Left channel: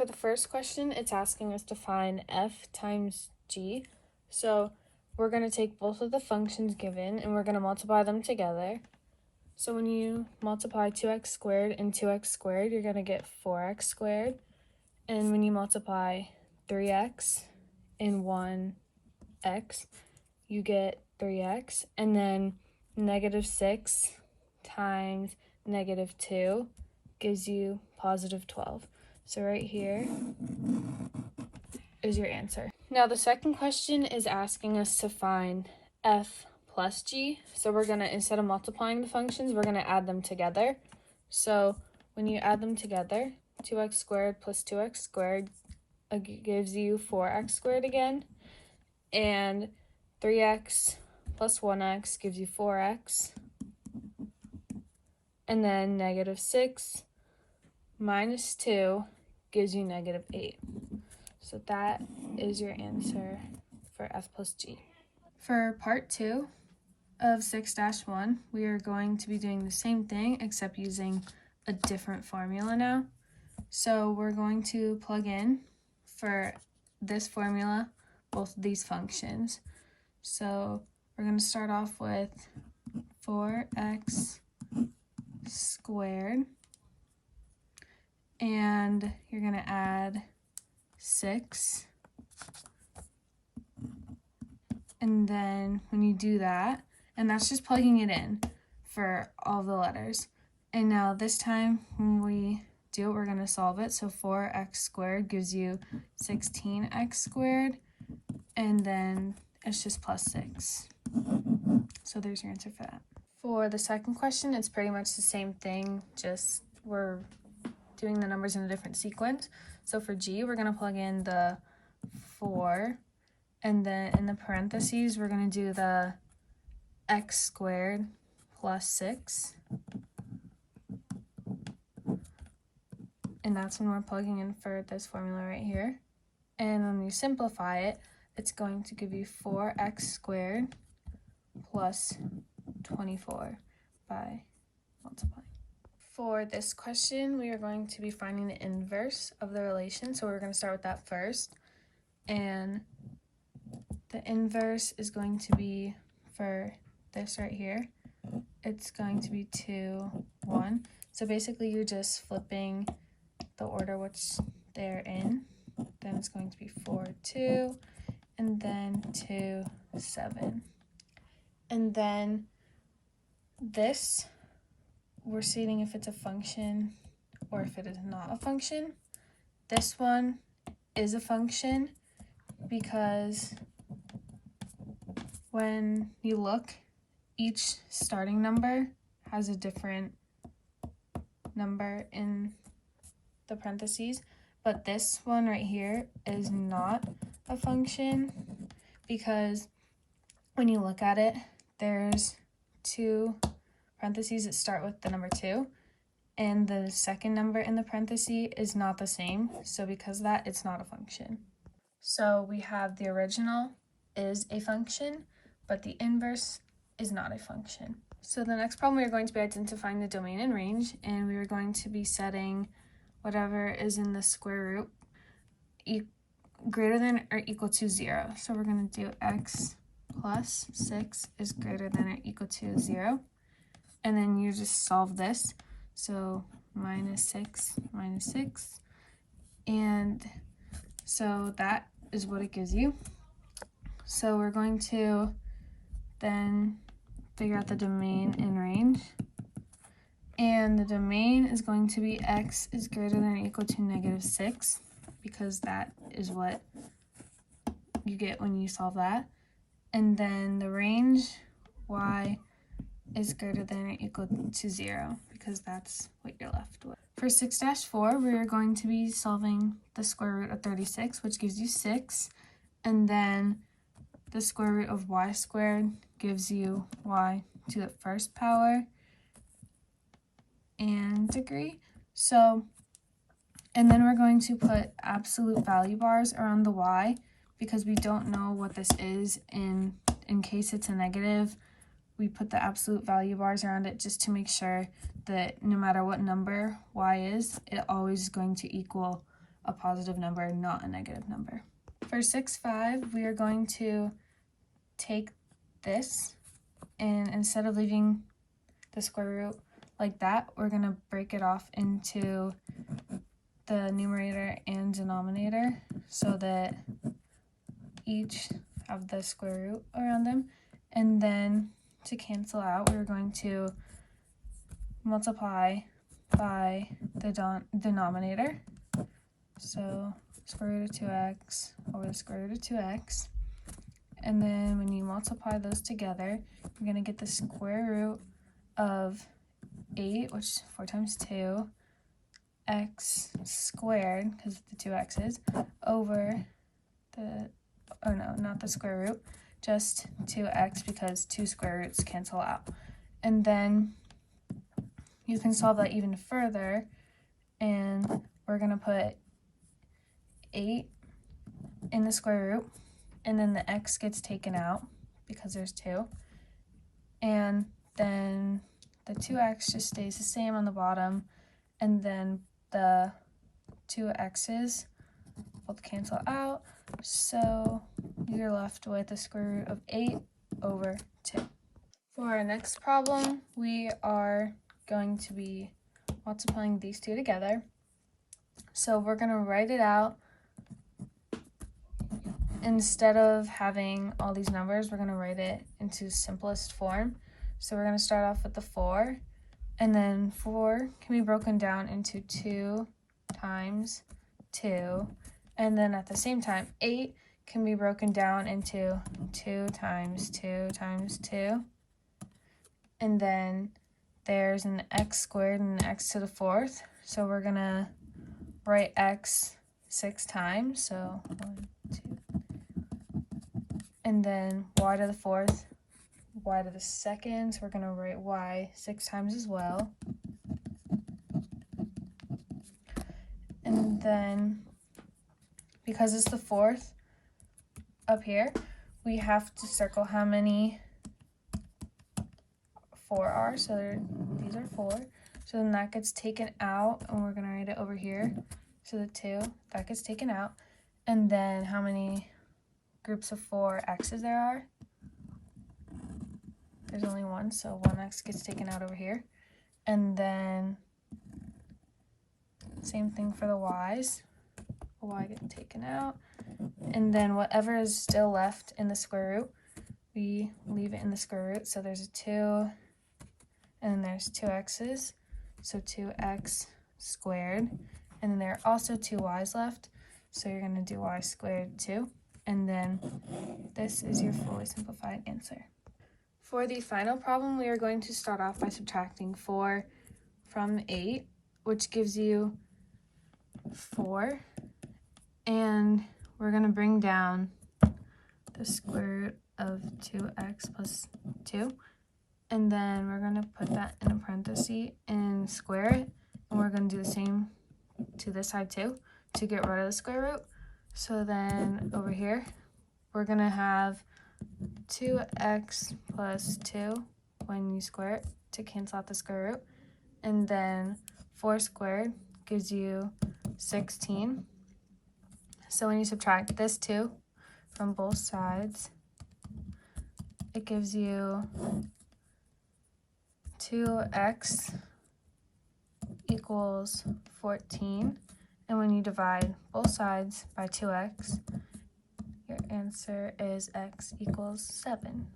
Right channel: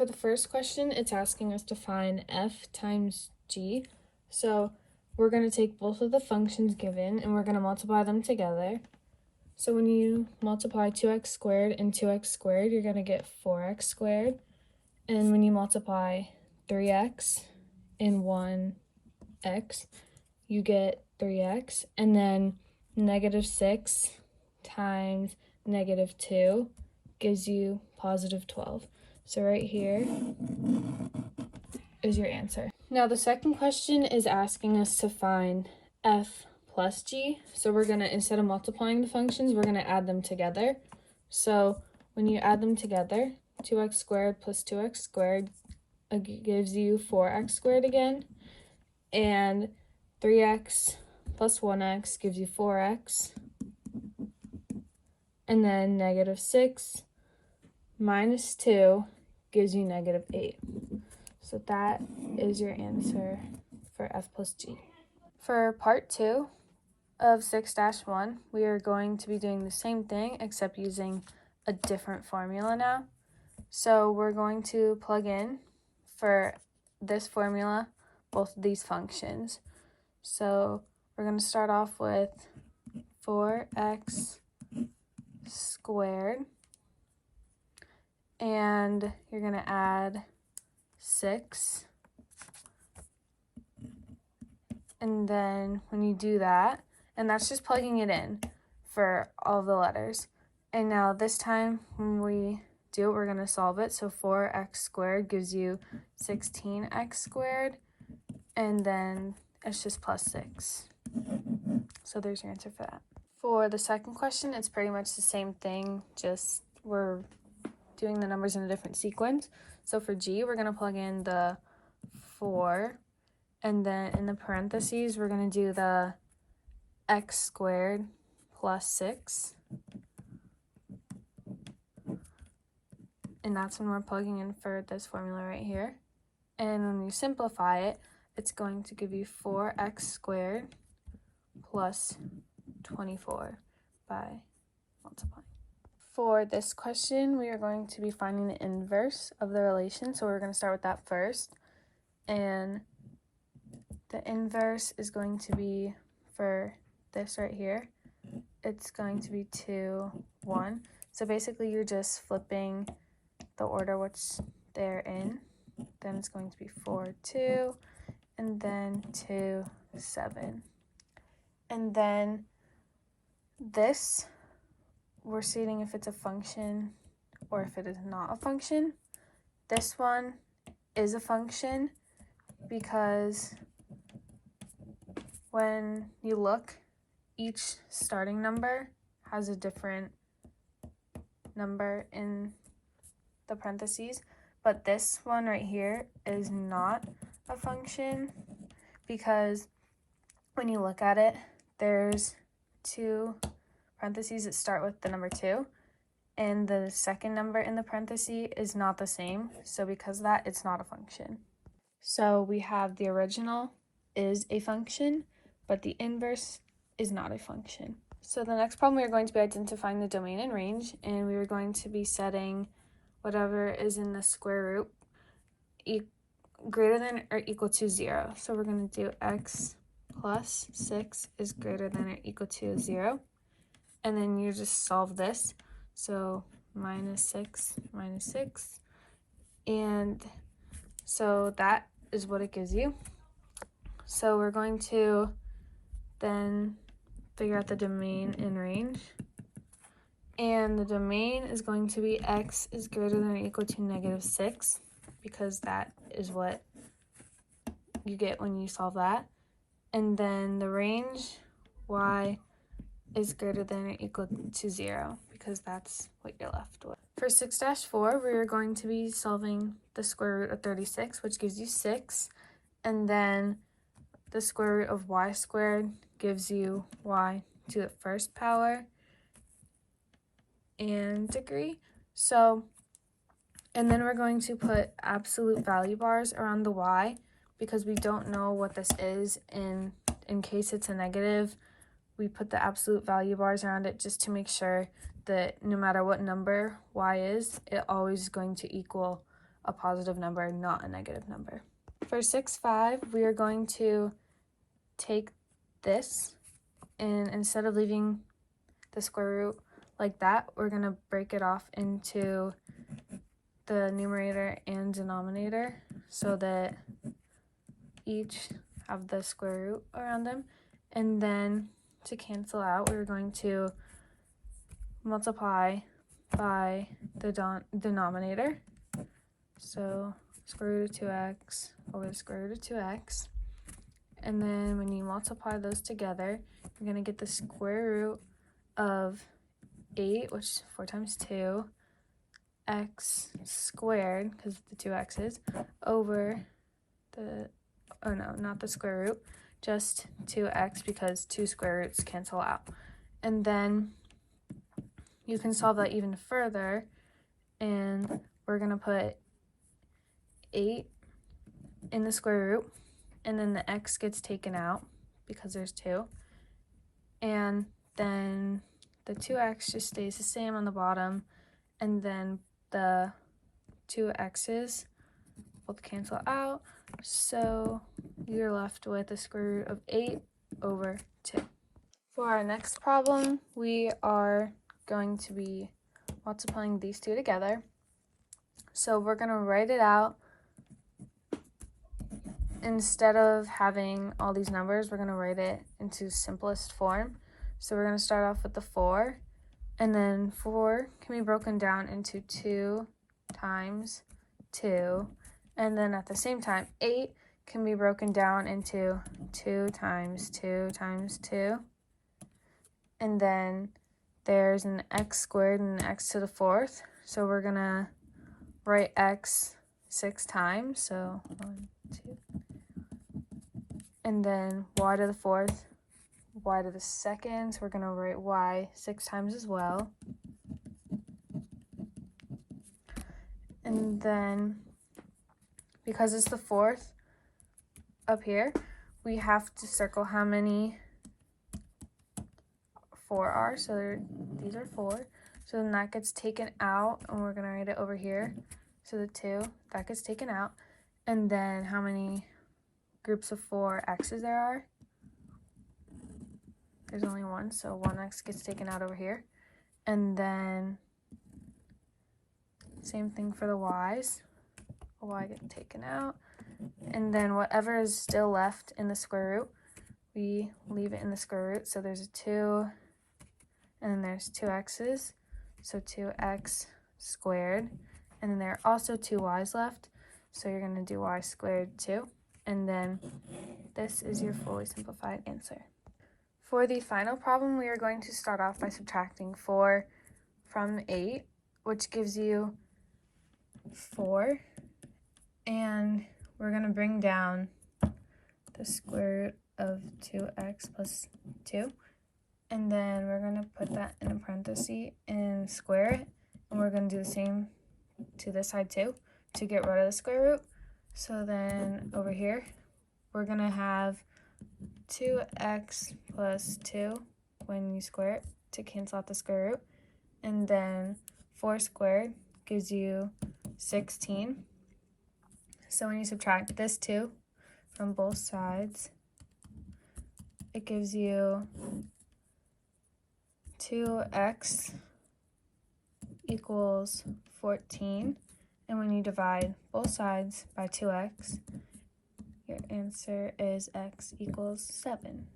for the first question, it's asking us to find f times g. So we're going to take both of the functions given and we're going to multiply them together. So when you multiply 2x squared and 2x squared, you're going to get 4x squared. And when you multiply 3x and 1x, you get 3x. And then negative 6 times negative 2 gives you positive 12. So right here is your answer. Now the second question is asking us to find f plus g. So we're gonna, instead of multiplying the functions, we're gonna add them together. So when you add them together, 2x squared plus 2x squared gives you 4x squared again. And 3x plus 1x gives you 4x. And then negative 6 minus 2 gives you negative 8. So that is your answer for f plus g. For part 2 of 6-1, we are going to be doing the same thing except using a different formula now. So we're going to plug in for this formula both of these functions. So we're going to start off with 4x squared, and you're going to add 6, and then when you do that, and that's just plugging it in for all the letters. And now this time when we do it, we're going to solve it. So 4x squared gives you 16x squared, and then it's just plus 6. So there's your answer for that. For the second question, it's pretty much the same thing, just we're doing the numbers in a different sequence. So for g, we're going to plug in the 4, and then in the parentheses, we're going to do the x squared plus 6. And that's when we're plugging in for this formula right here. And when you simplify it, it's going to give you 4x squared plus 24 by multiplying. For this question, we are going to be finding the inverse of the relation. So we're going to start with that first. And the inverse is going to be for this right here. It's going to be 2, 1. So basically you're just flipping the order which they're in. Then it's going to be 4, 2, and then 2, 7. And then this, we're stating if it's a function or if it is not a function. This one is a function because when you look, each starting number has a different number in the parentheses, but this one right here is not a function because when you look at it, there's 2 parentheses that start with the number 2, and the second number in the parentheses is not the same, so because of that, it's not a function. So we have the original is a function, but the inverse is not a function. So the next problem, we are going to be identifying the domain and range, and we are going to be setting whatever is in the square root greater than or equal to 0. So we're going to do x plus 6 is greater than or equal to 0. And then you just solve this. So minus 6 minus 6. And so that is what it gives you. So we're going to then figure out the domain and range. And the domain is going to be x is greater than or equal to negative 6, because that is what you get when you solve that. And then the range, y is greater than or equal to 0, because that's what you're left with. For 6-4, we're going to be solving the square root of 36, which gives you 6. And then the square root of y squared gives you y to the first power and degree. So, and then we're going to put absolute value bars around the y because we don't know what this is, and in case it's a negative, we put the absolute value bars around it just to make sure that no matter what number y is, it always is going to equal a positive number, not a negative number. For 6-5, we are going to take this, and instead of leaving the square root like that, we're going to break it off into the numerator and denominator so that each have the square root around them. And then to cancel out, we're going to multiply by the denominator. So square root of 2x over the square root of 2x. And then when you multiply those together, you're going to get the square root of 8, which is 4 times 2, x squared, because the 2 x's, over the, oh no, not the square root, just 2x, because 2 square roots cancel out. And then you can solve that even further, and we're going to put 8 in the square root, and then the x gets taken out because there's 2, and then the 2x just stays the same on the bottom, and then the 2 x's both cancel out, so you're left with the square root of 8 over 2. For our next problem, we are going to be multiplying these two together. So we're going to write it out. Instead of having all these numbers, we're going to write it into simplest form. So we're going to start off with the 4, and then 4 can be broken down into 2 times 2, and then at the same time 8 can be broken down into 2 times 2 times 2, and then there's an x squared and an x to the 4th, so we're going to write x 6 times, so 1, 2, and then y to the 4th, y to the 2nd, so we're going to write y 6 times as well. And then, because it's the 4th up here, we have to circle how many 4 are, so these are 4. So then that gets taken out, and we're going to write it over here. So the 2, that gets taken out. And then how many groups of 4 x's there are? There's only 1, so 1x gets taken out over here. And then same thing for the y's. The y gets taken out. And then whatever is still left in the square root, we leave it in the square root. So there's a 2, and then there's 2 x's, so 2x squared. And then there are also 2 y's left, so you're going to do y squared too. And then this is your fully simplified answer. For the final problem, we are going to start off by subtracting 4 from 8, which gives you 4. And we're going to bring down the square root of 2x plus 2. And then we're going to put that in a parenthesis and square it. And we're going to do the same to this side too to get rid of the square root. So then over here, we're going to have 2x plus 2 when you square it to cancel out the square root. And then 4 squared gives you 16. So when you subtract this 2 from both sides, it gives you 2x equals 14. And when you divide both sides by 2x, your answer is x equals 7.